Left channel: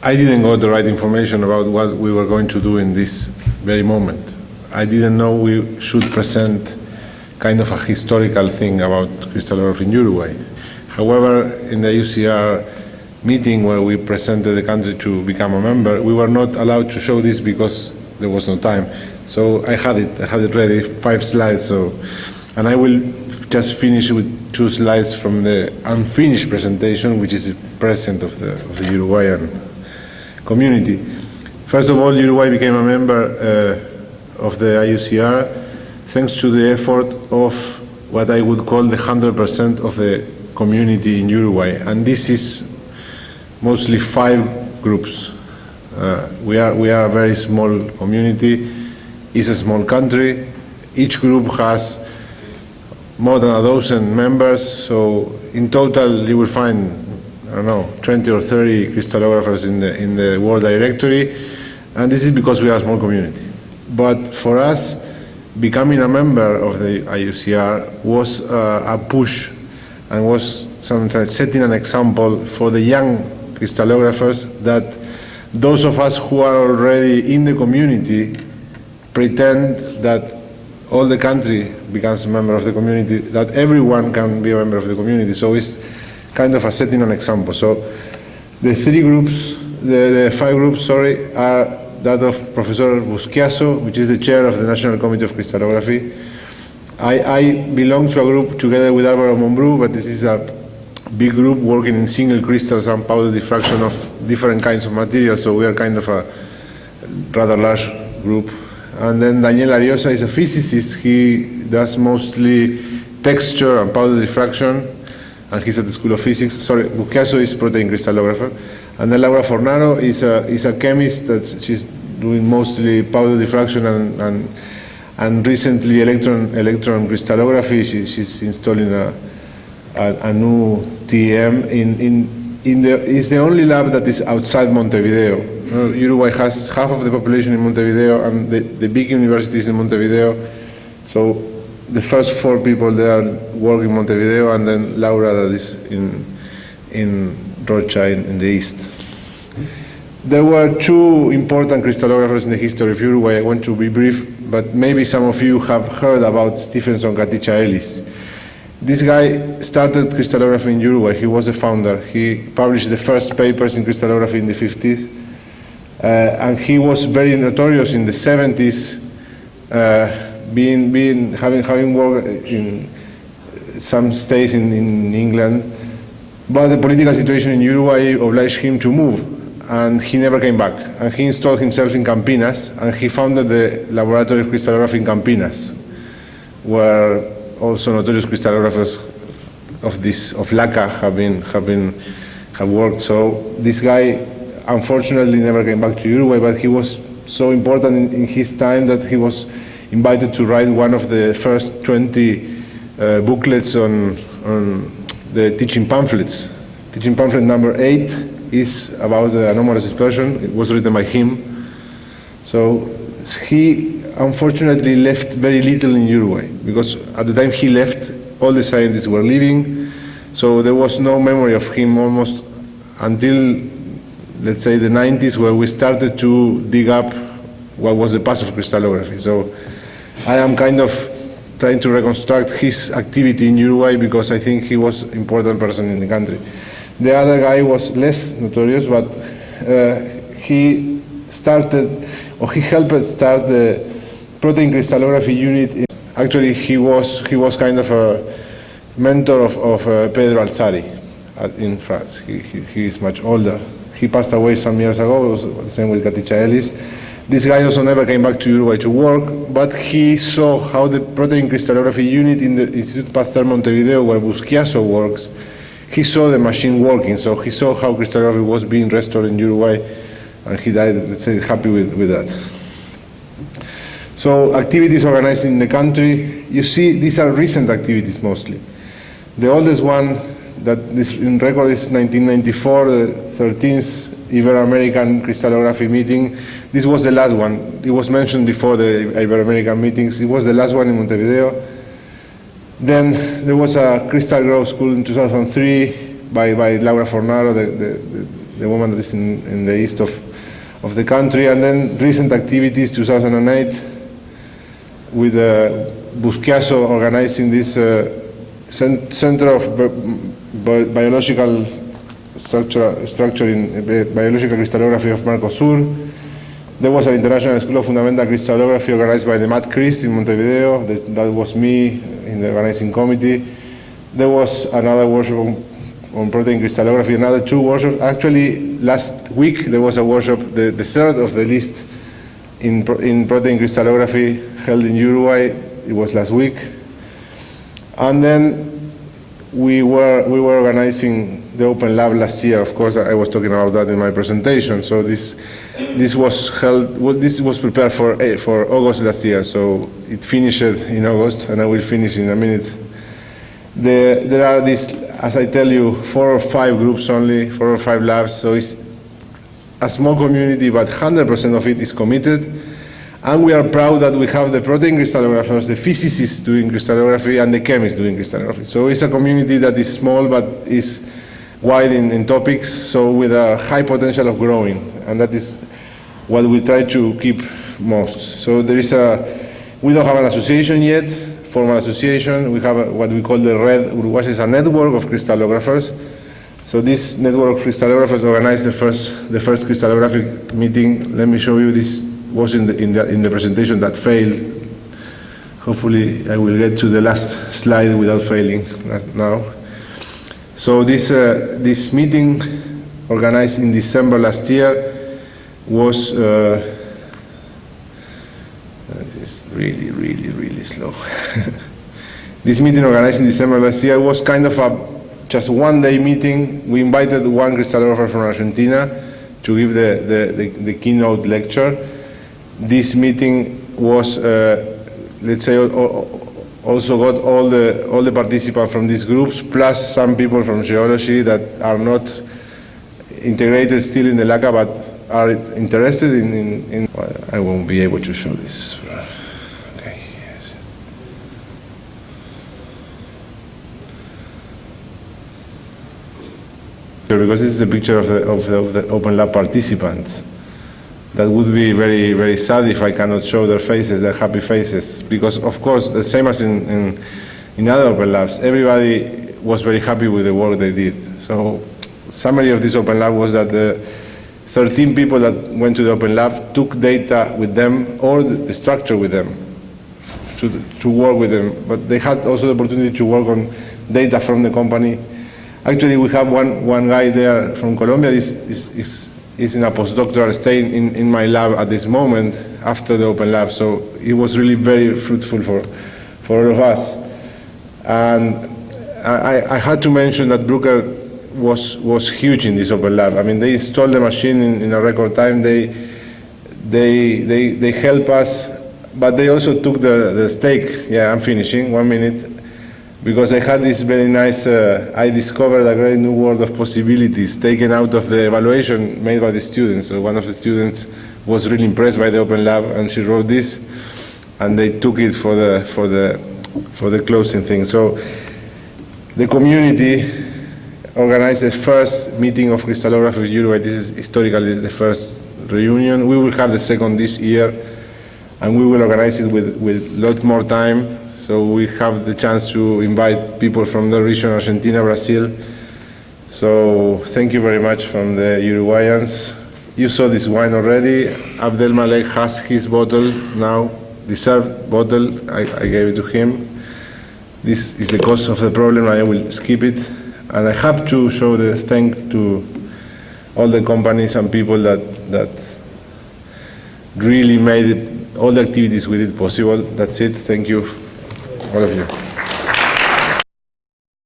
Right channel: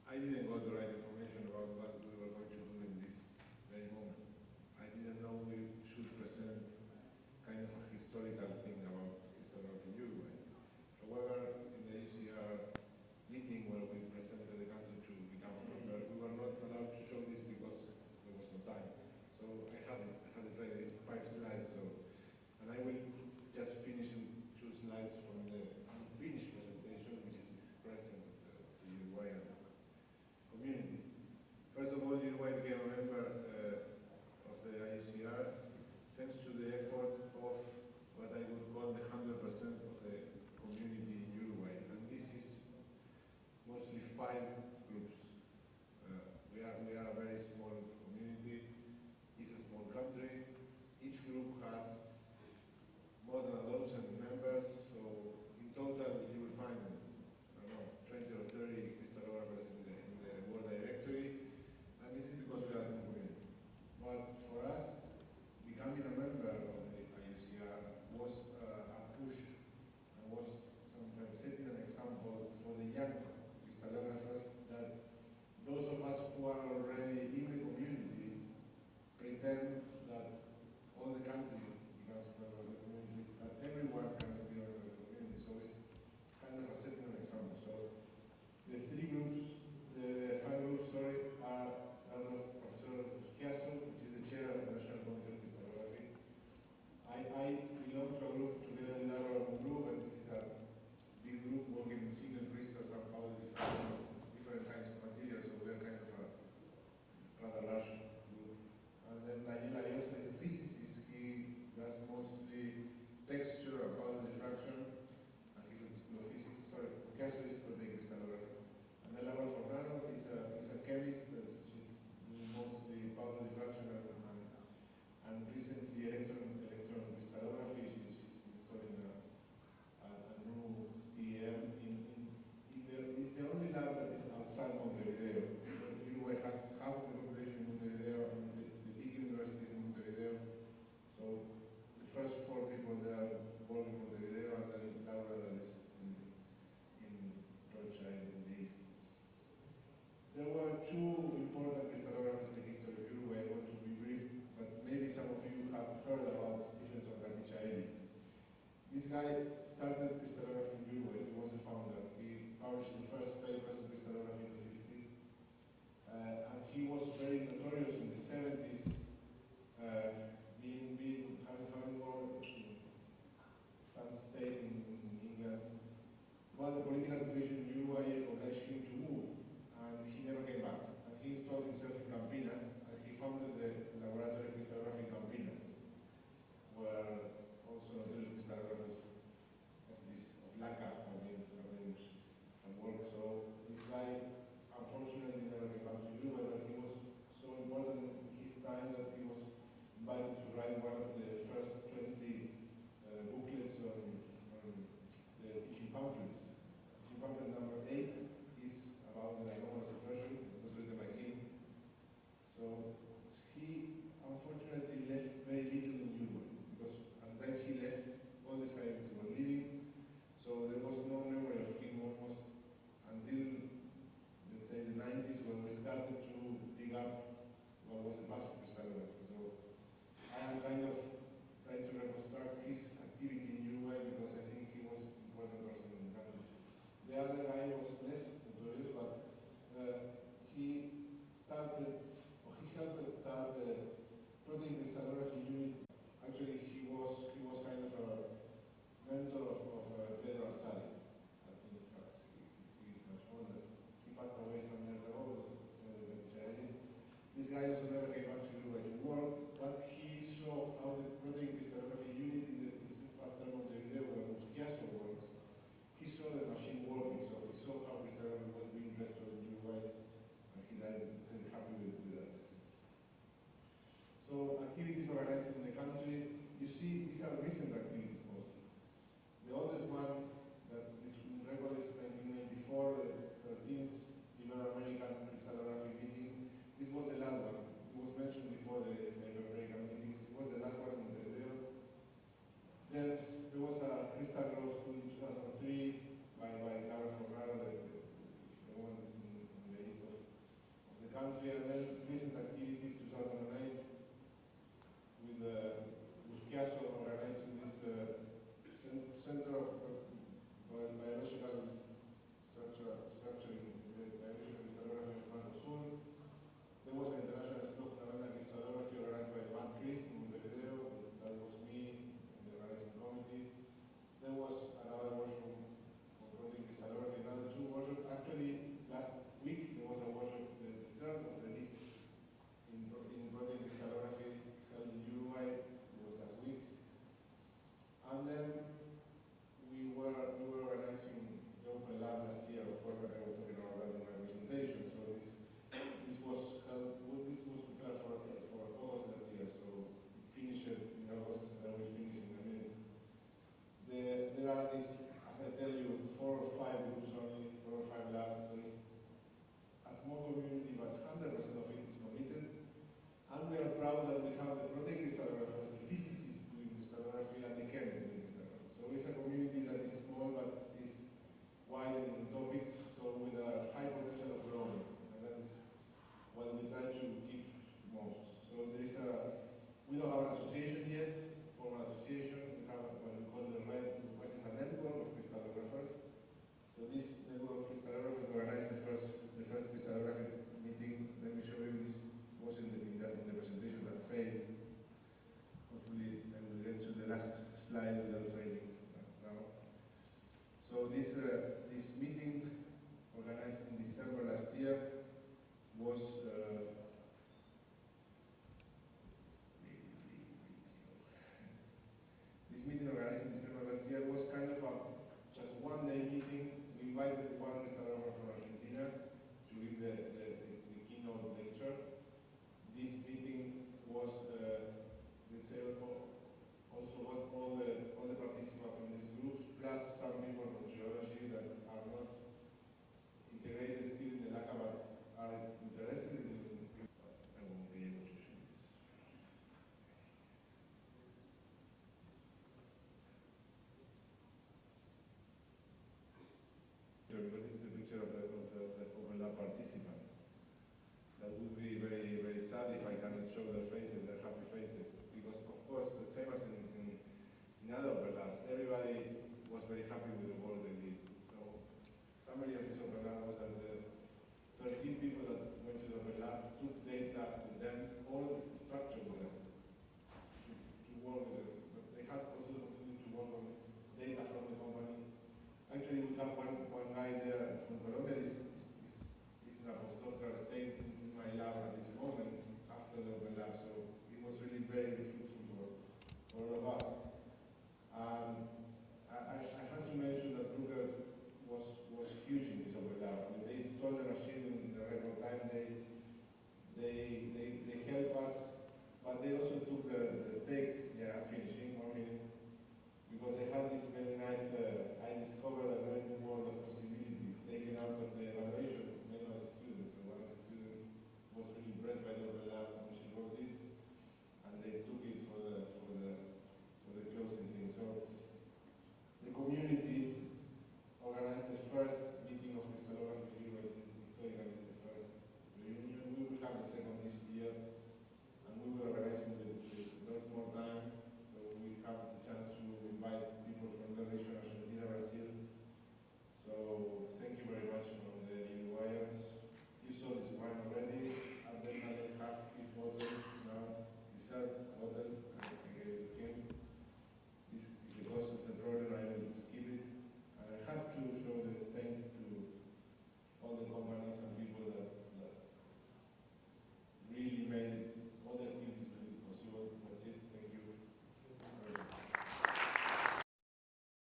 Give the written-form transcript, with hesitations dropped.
I didn't got the right information about what we were going to do in this very moment. I didn't know we should present kind of a historical thing about crystallography in Uruguay. However, in the IUCr meeting where we presented the country to become a member, we were not allowed to show this because there was no time. So I had it ready, 5 slides. And I will just finish with 2 slides from the unfinished presentation, which is a present of the Uruguayan community. First of all, Uruguay became a member of the IUCr thanks to the effort of what I would call the 100% of the community in Uruguay. And this is mostly 5 groups. We are a very small community. It's a small country. Each group has more than 1,000 members. So in total, you will find, I don't know, 20 or 30 crystallographers in the World Directory. And this is because we are a small community. But for us, becoming a member of the IUCr was a push and was sometimes setting an example for the young crystallographers that those of us who are already in the community pretend that all the country becomes a member of the community, that everyone can be a member of the community. So it's kind of a setting an example. So the 5 groups, sorry, are that of Professor Busquiazo, which is the chair of the National Committee of Crystallography. I belong to a group together with Álvaro Mombrú, but this is a big group working in single crystals and powder diffraction of different kinds of materials, so we are kind of a rather large group. And then Daniel Ariosa is a physicist. He does mostly texture and powder diffraction, and he's at the School of Physics. Sorry, Busquiazo is protein crystallographer. And then Laura Fornaro is a chemist that she's doing mostly powder diffraction and recently electron crystallography. She's installing a new TEM it's the only lab that is outside Montevideo. Uruguay has half of the population in Montevideo, and the big university is in Montevideo. So the first 4 people there work in Montevideo, and then Laura that is in Rocha in the east. There were 2 important crystallographers in the history of Uruguay. I want to be brief, but maybe some of you have heard about Stephenson Katica Ellis. This guy started crystallography in Uruguay. He was a founder. He published the first papers in crystallography in the 50s. And he was very notorious in the 70s, having worked in some states in England. But the political situation in Uruguay obliged him to move, and he never came back. And he installed himself in Campinas, and he founded the Laboratory of Crystallography in Campinas, where also notorious crystallographers of LACA have worked. So this guy unfortunately never came back to Uruguay, but he was so important in his time that he was invited to write one of the first 20 booklets on the teaching pamphlets. Teaching pamphlet number 8 is about the anomalous dispersion. It was written by him. So he unfortunately left very little in Uruguay, because at the time he left, all the scientists were leaving, so there was no memory of him almost until, let's say, the 90s, where we started to dig up what was the past of crystallography. So I am kind of trying to reconstruct his activity in Uruguay, because I think he was an important person in the country. The other guy was less notorious, but he helped start the protein crystallography unit. Actually, he was kind of a mentor of Pedro Alzari in France. He is much older. He passed away some years ago. It was the same with Katica Ellis. This guy also never came back to Uruguay to work, but he saw how the protein crystallography unit in the Institute Pasteur Montevideo, where Busquiazo works, he saw the machine working. So he saw how crystallography was being restored in Uruguay, and he died, let's say, happy with that. So activities organized in the country, you see these are recent activities mostly. The oldest one that is in record is 1994, the 13th Ibero-American crystallography meeting. This was the last one. It was mentioned before the Ibero-American meetings. It was the last one in Montevideo. Then there was a crystal growth school in 2003 by Laura Fornaro, the woman that is in the east of the country. And then recent activities, 2008, with Busquiaso organizing this Center of Biological Structure in Biological Crystallography of Mercosur. There was an International School of Fundamental Crystallography organized by the Matt Christ in Montevideo. That was me in the organizing committee. There was another workshop on protein crystallography, another 2 workshops. Actually, last week there was a workshop, the third of the list in protein crystallography held in Uruguay. It was last week. And then we were organizing the Open Lab last year. Of course, I was talking about that in my presentation. So this was held. Well, this was prepared for August last year. So it finished in August, and I will finish in a minute. There are these, as I tell you, 4 or 5 groups only, 4 or 5 labs. So it's a small community, but 100% of it is committed. And we are proud that we have the protein crystallographers, the physicists doing crystallography, and the chemists doing crystallography. So it's a community that is small, but is wide in topics, so with a high potential of growing. And that is what we try to keep most. So we don't have an association yet, formal association. We have what we call the RED Uruguay, is a network of crystallographers. So this network of crystallographers organized the first crystallographic meeting. Let me show you. This was in the presentation that failed. Hopefully I will get to the last slide without failing now. So this meeting, organized in December last year, was it's really slow. This meeting, organized in December last year, was kind of just one-day meeting. We invited one crystallographer from Argentina to give the keynote lecture. This meeting was, let's say, also got all the participants from these groups, plus some people from geology that are not integrated still in the LACA, but are interested in I won't be able to show this. Okay, yes. Because this is a picture of the Open Lab participants. That would be very, very sad if I cannot show their faces, their happy faces. Because, of course, the same as in other Open Labs, everybody was very happy with the work they did. So, summary of this Open Lab was that the 13 people that went to the Open Lab took data with them, or the structure with them, to work with them. But they had also the opportunity to work on data from the company. Actually, we have one guy there from Colombia. Is in a postdoctoral stay in my lab at this moment after the Open Lab. So it was really very fruitful for all of us. And I had to mention that Bruker was huge in this Open Lab. I mean, they installed the machine in a record time. They help us, but they also took the stake. Yeah, I'm finishing, 1 minute. Because I had this very nice, I discovered a great new world of possibilities taken out of the evaluation made by the students. So one of the students was really impressed by the Open Lab, and she wrote this, and they took it for the closing thing. So the community organized the first meeting of crystallography in Uruguay. This is historically the first reunion. We will have the second this year, and we will organize it with a lot more time. So we have the chance to invite people from the region, Argentina, Brazil. So thank you very much from the Uruguayans. You saw this wine already. Abdel Malek has his bottle now, deserved bottle. I gave it to him. This is the cause of the problem. I will skip it. And I have to show the thank to all the companies and people that really made it, all the activities we did possible. That's it. Thank you, all of you.